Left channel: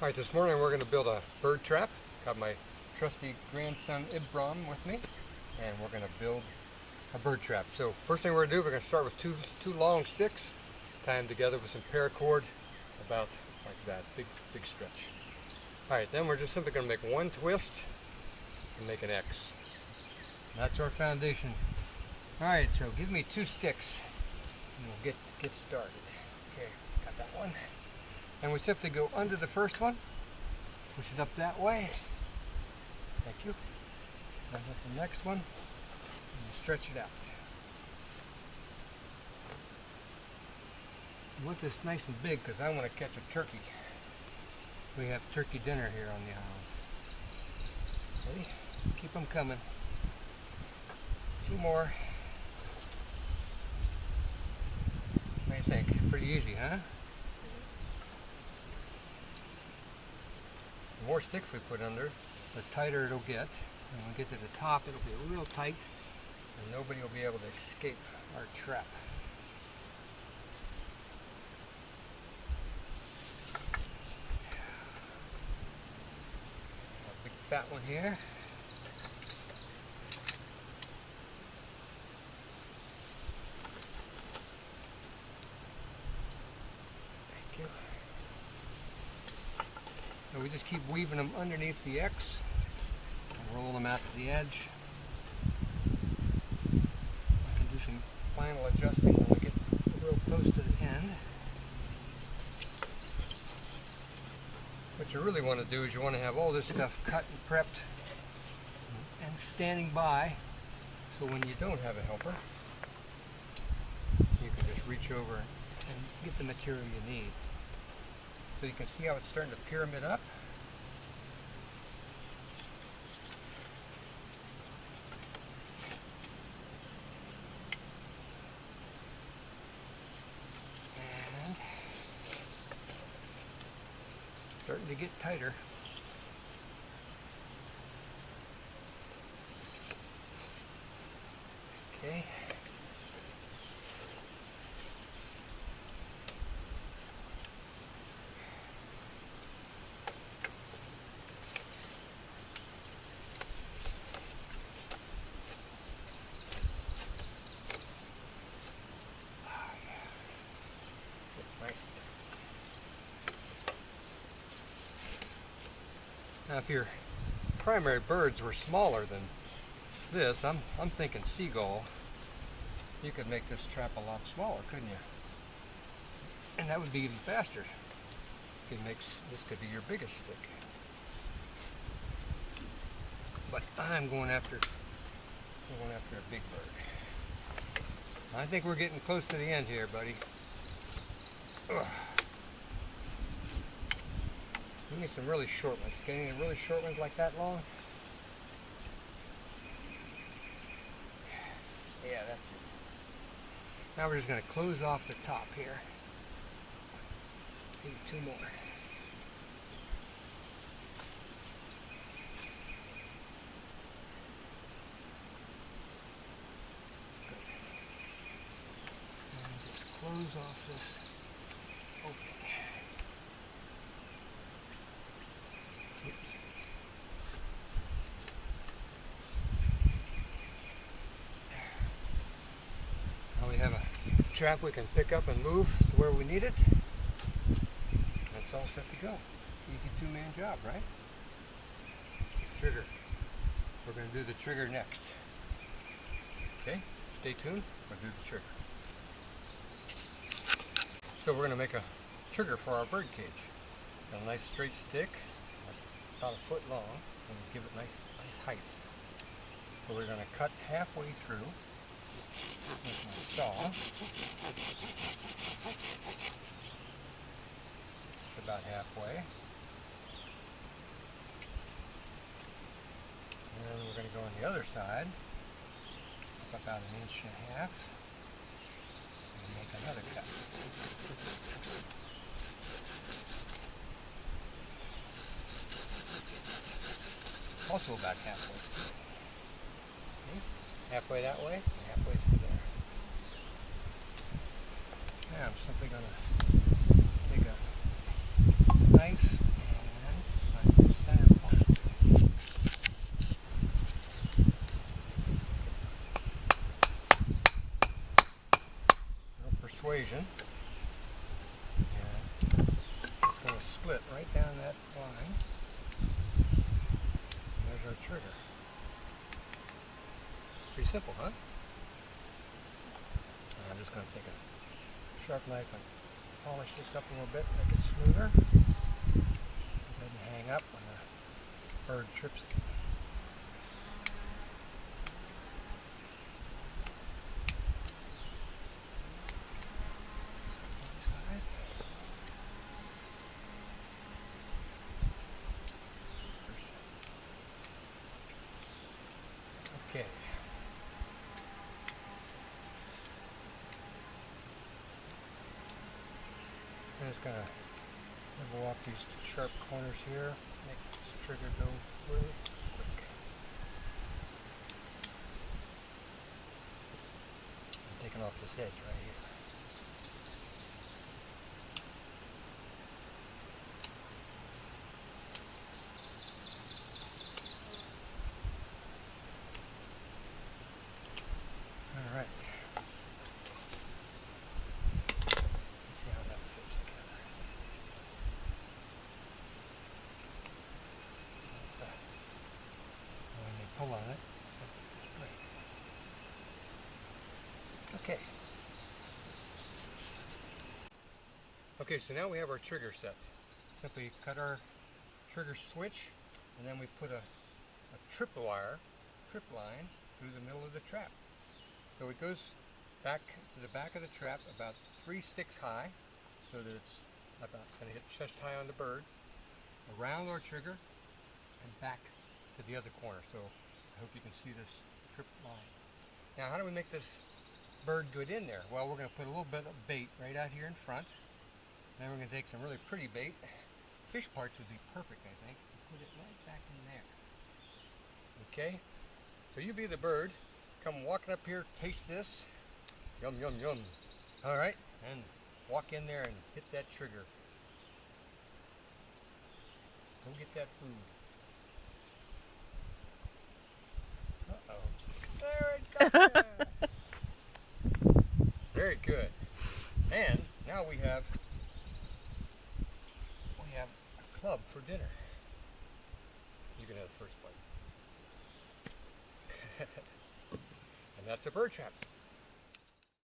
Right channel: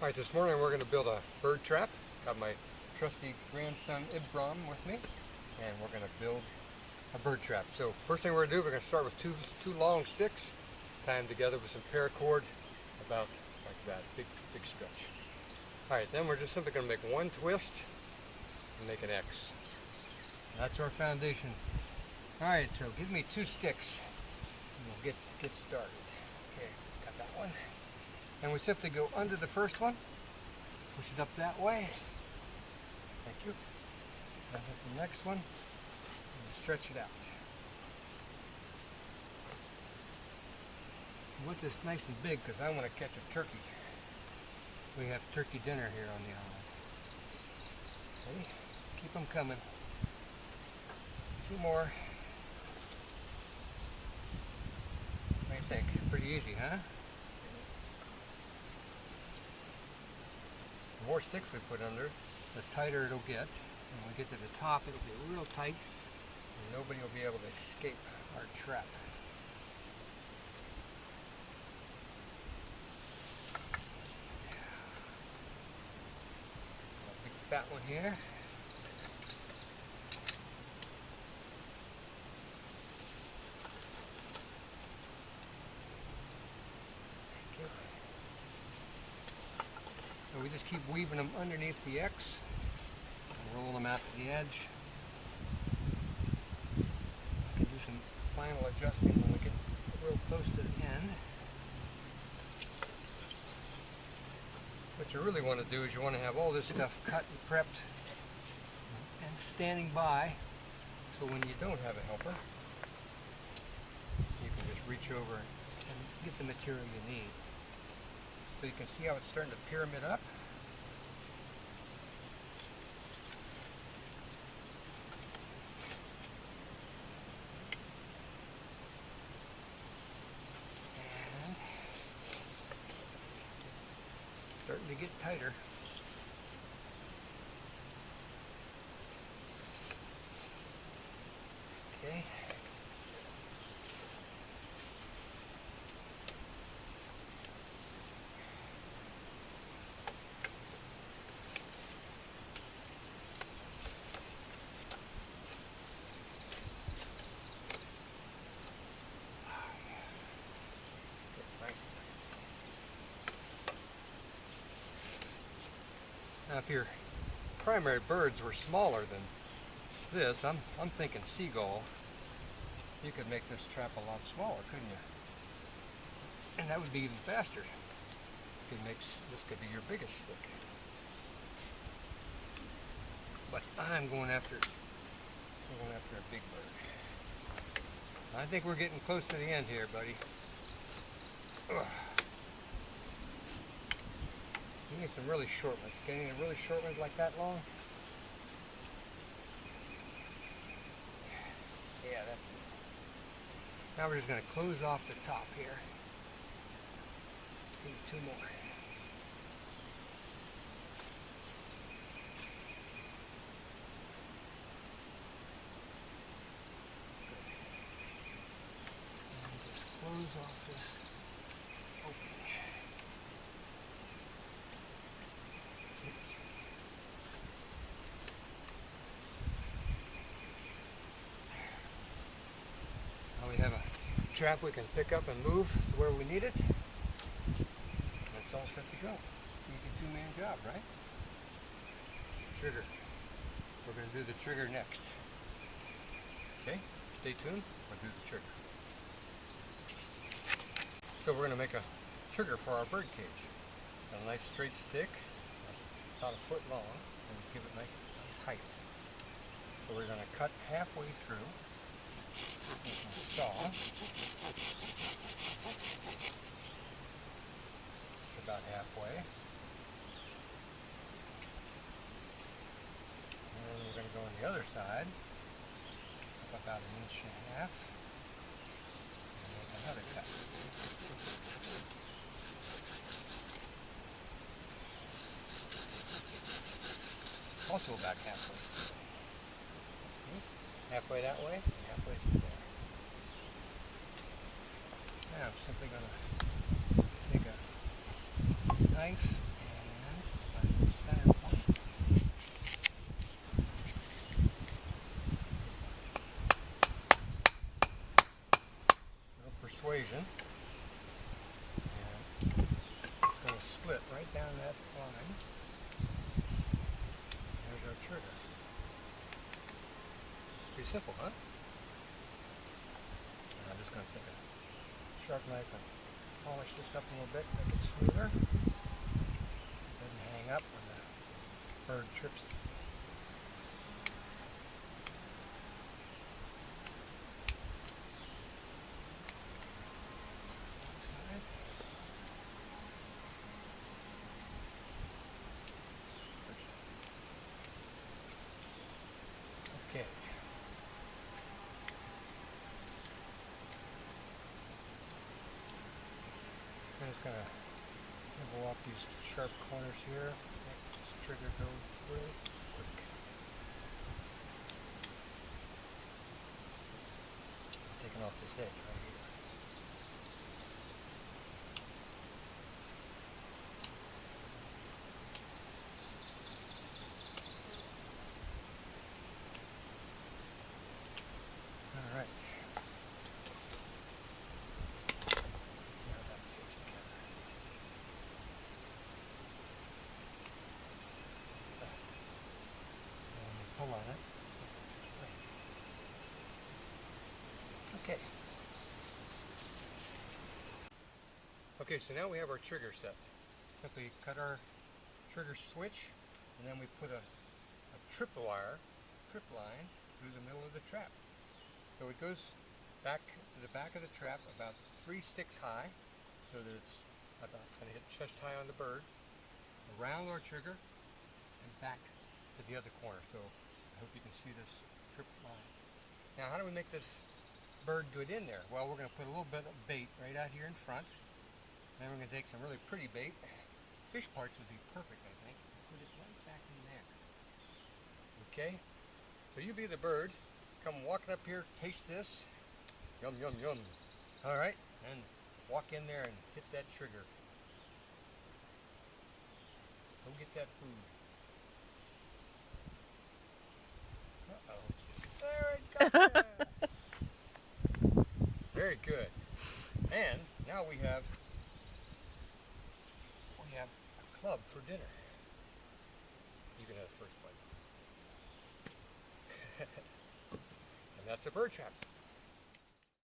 Alright, this morning we're going to build a bird trap. Got my trusty grandson Ibram with me, and we're going to build a bird trap. So first thing we're going to do, we're going to start with two long sticks, tie them together with some paracord, about like that, big stretch. Alright, then we're just simply going to make one twist and make an X. And that's our foundation. Alright, so give me 2 sticks and we'll get started. Okay, got that one. And we simply go under the first one, push it up that way. Thank you. And hit the next one, and stretch it out. I want this nice and big because I want to catch a turkey. We have turkey dinner here on the island. Ready? Keep them coming. 2 more. What do you think? Pretty easy, huh? The more sticks we put under, the tighter it'll get. And when we get to the top, it'll be real tight, and nobody will be able to escape our trap. A big fat one here. Thank you. So we just keep weaving them underneath the X and roll them out to the edge. I can do some final adjusting when we get real close to the end. What you really want to do is you want to have all this stuff cut and prepped and standing by, so when you don't have a helper, you can just reach over and get the material you need. So you can see how it's starting to pyramid up. And starting to get tighter. Okay. Now if your primary birds were smaller than this, I'm thinking seagull, you could make this trap a lot smaller, couldn't you? And that would be even faster. This could be your biggest stick. But I'm going after a big bird. I think we're getting close to the end here, buddy. Ugh. We need some really short ones. Getting any really short ones like that long? Yeah, that's it. Now we're just going to close off the top here. Maybe 2 more. Good. And just close off this opening. We have a trap we can pick up and move to where we need it. That's all set to go. Easy 2-man job, right? Trigger. We're going to do the trigger next. Okay, stay tuned. We'll do the trigger. So we're going to make a trigger for our bird cage. Got a nice straight stick, about 1 foot long, and give it nice height. So we're going to cut halfway through with my saw. It's about halfway. And then we're going to go on the other side, up about 1.5 inches, and make another cut. Also about halfway. Okay. Halfway that way, and halfway through there. Now I'm simply going to take a knife and persuasion. And it's going to split right down that line. There's our trigger. Pretty simple, huh? And I'm just going to take a sharp knife and polish this up a little bit, make it smoother. It doesn't hang up when the bird trips it. Okay. I'm just going to nibble off these sharp corners here, make this trigger go really quick. I'm taking off this edge right here. All right. Let's see how that fits together. And when they pull on it, it just break. Okay. Okay, so now we have our trigger set. Simply cut our trigger switch, and then we've put a trip line through the middle of the trap. So it goes back to the back of the trap about 3 sticks high, so that it's about going to hit chest high on the bird, around our trigger, and back to the other corner. So I hope you can see this trip line. Now, how do we make this bird good in there? Well, we're going to put a little bit of bait right out here in front. Then we're going to take some really pretty bait. Fish parts would be perfect, I think. And put it right back in there. Okay? So you be the bird. Come walking up here, taste this. Yum, yum, yum. All right? And walk in there and hit that trigger. Go get that food. Uh-oh. There it goes. Very good. And now we have a club for dinner. You can have the first bite. And that's a bird trap.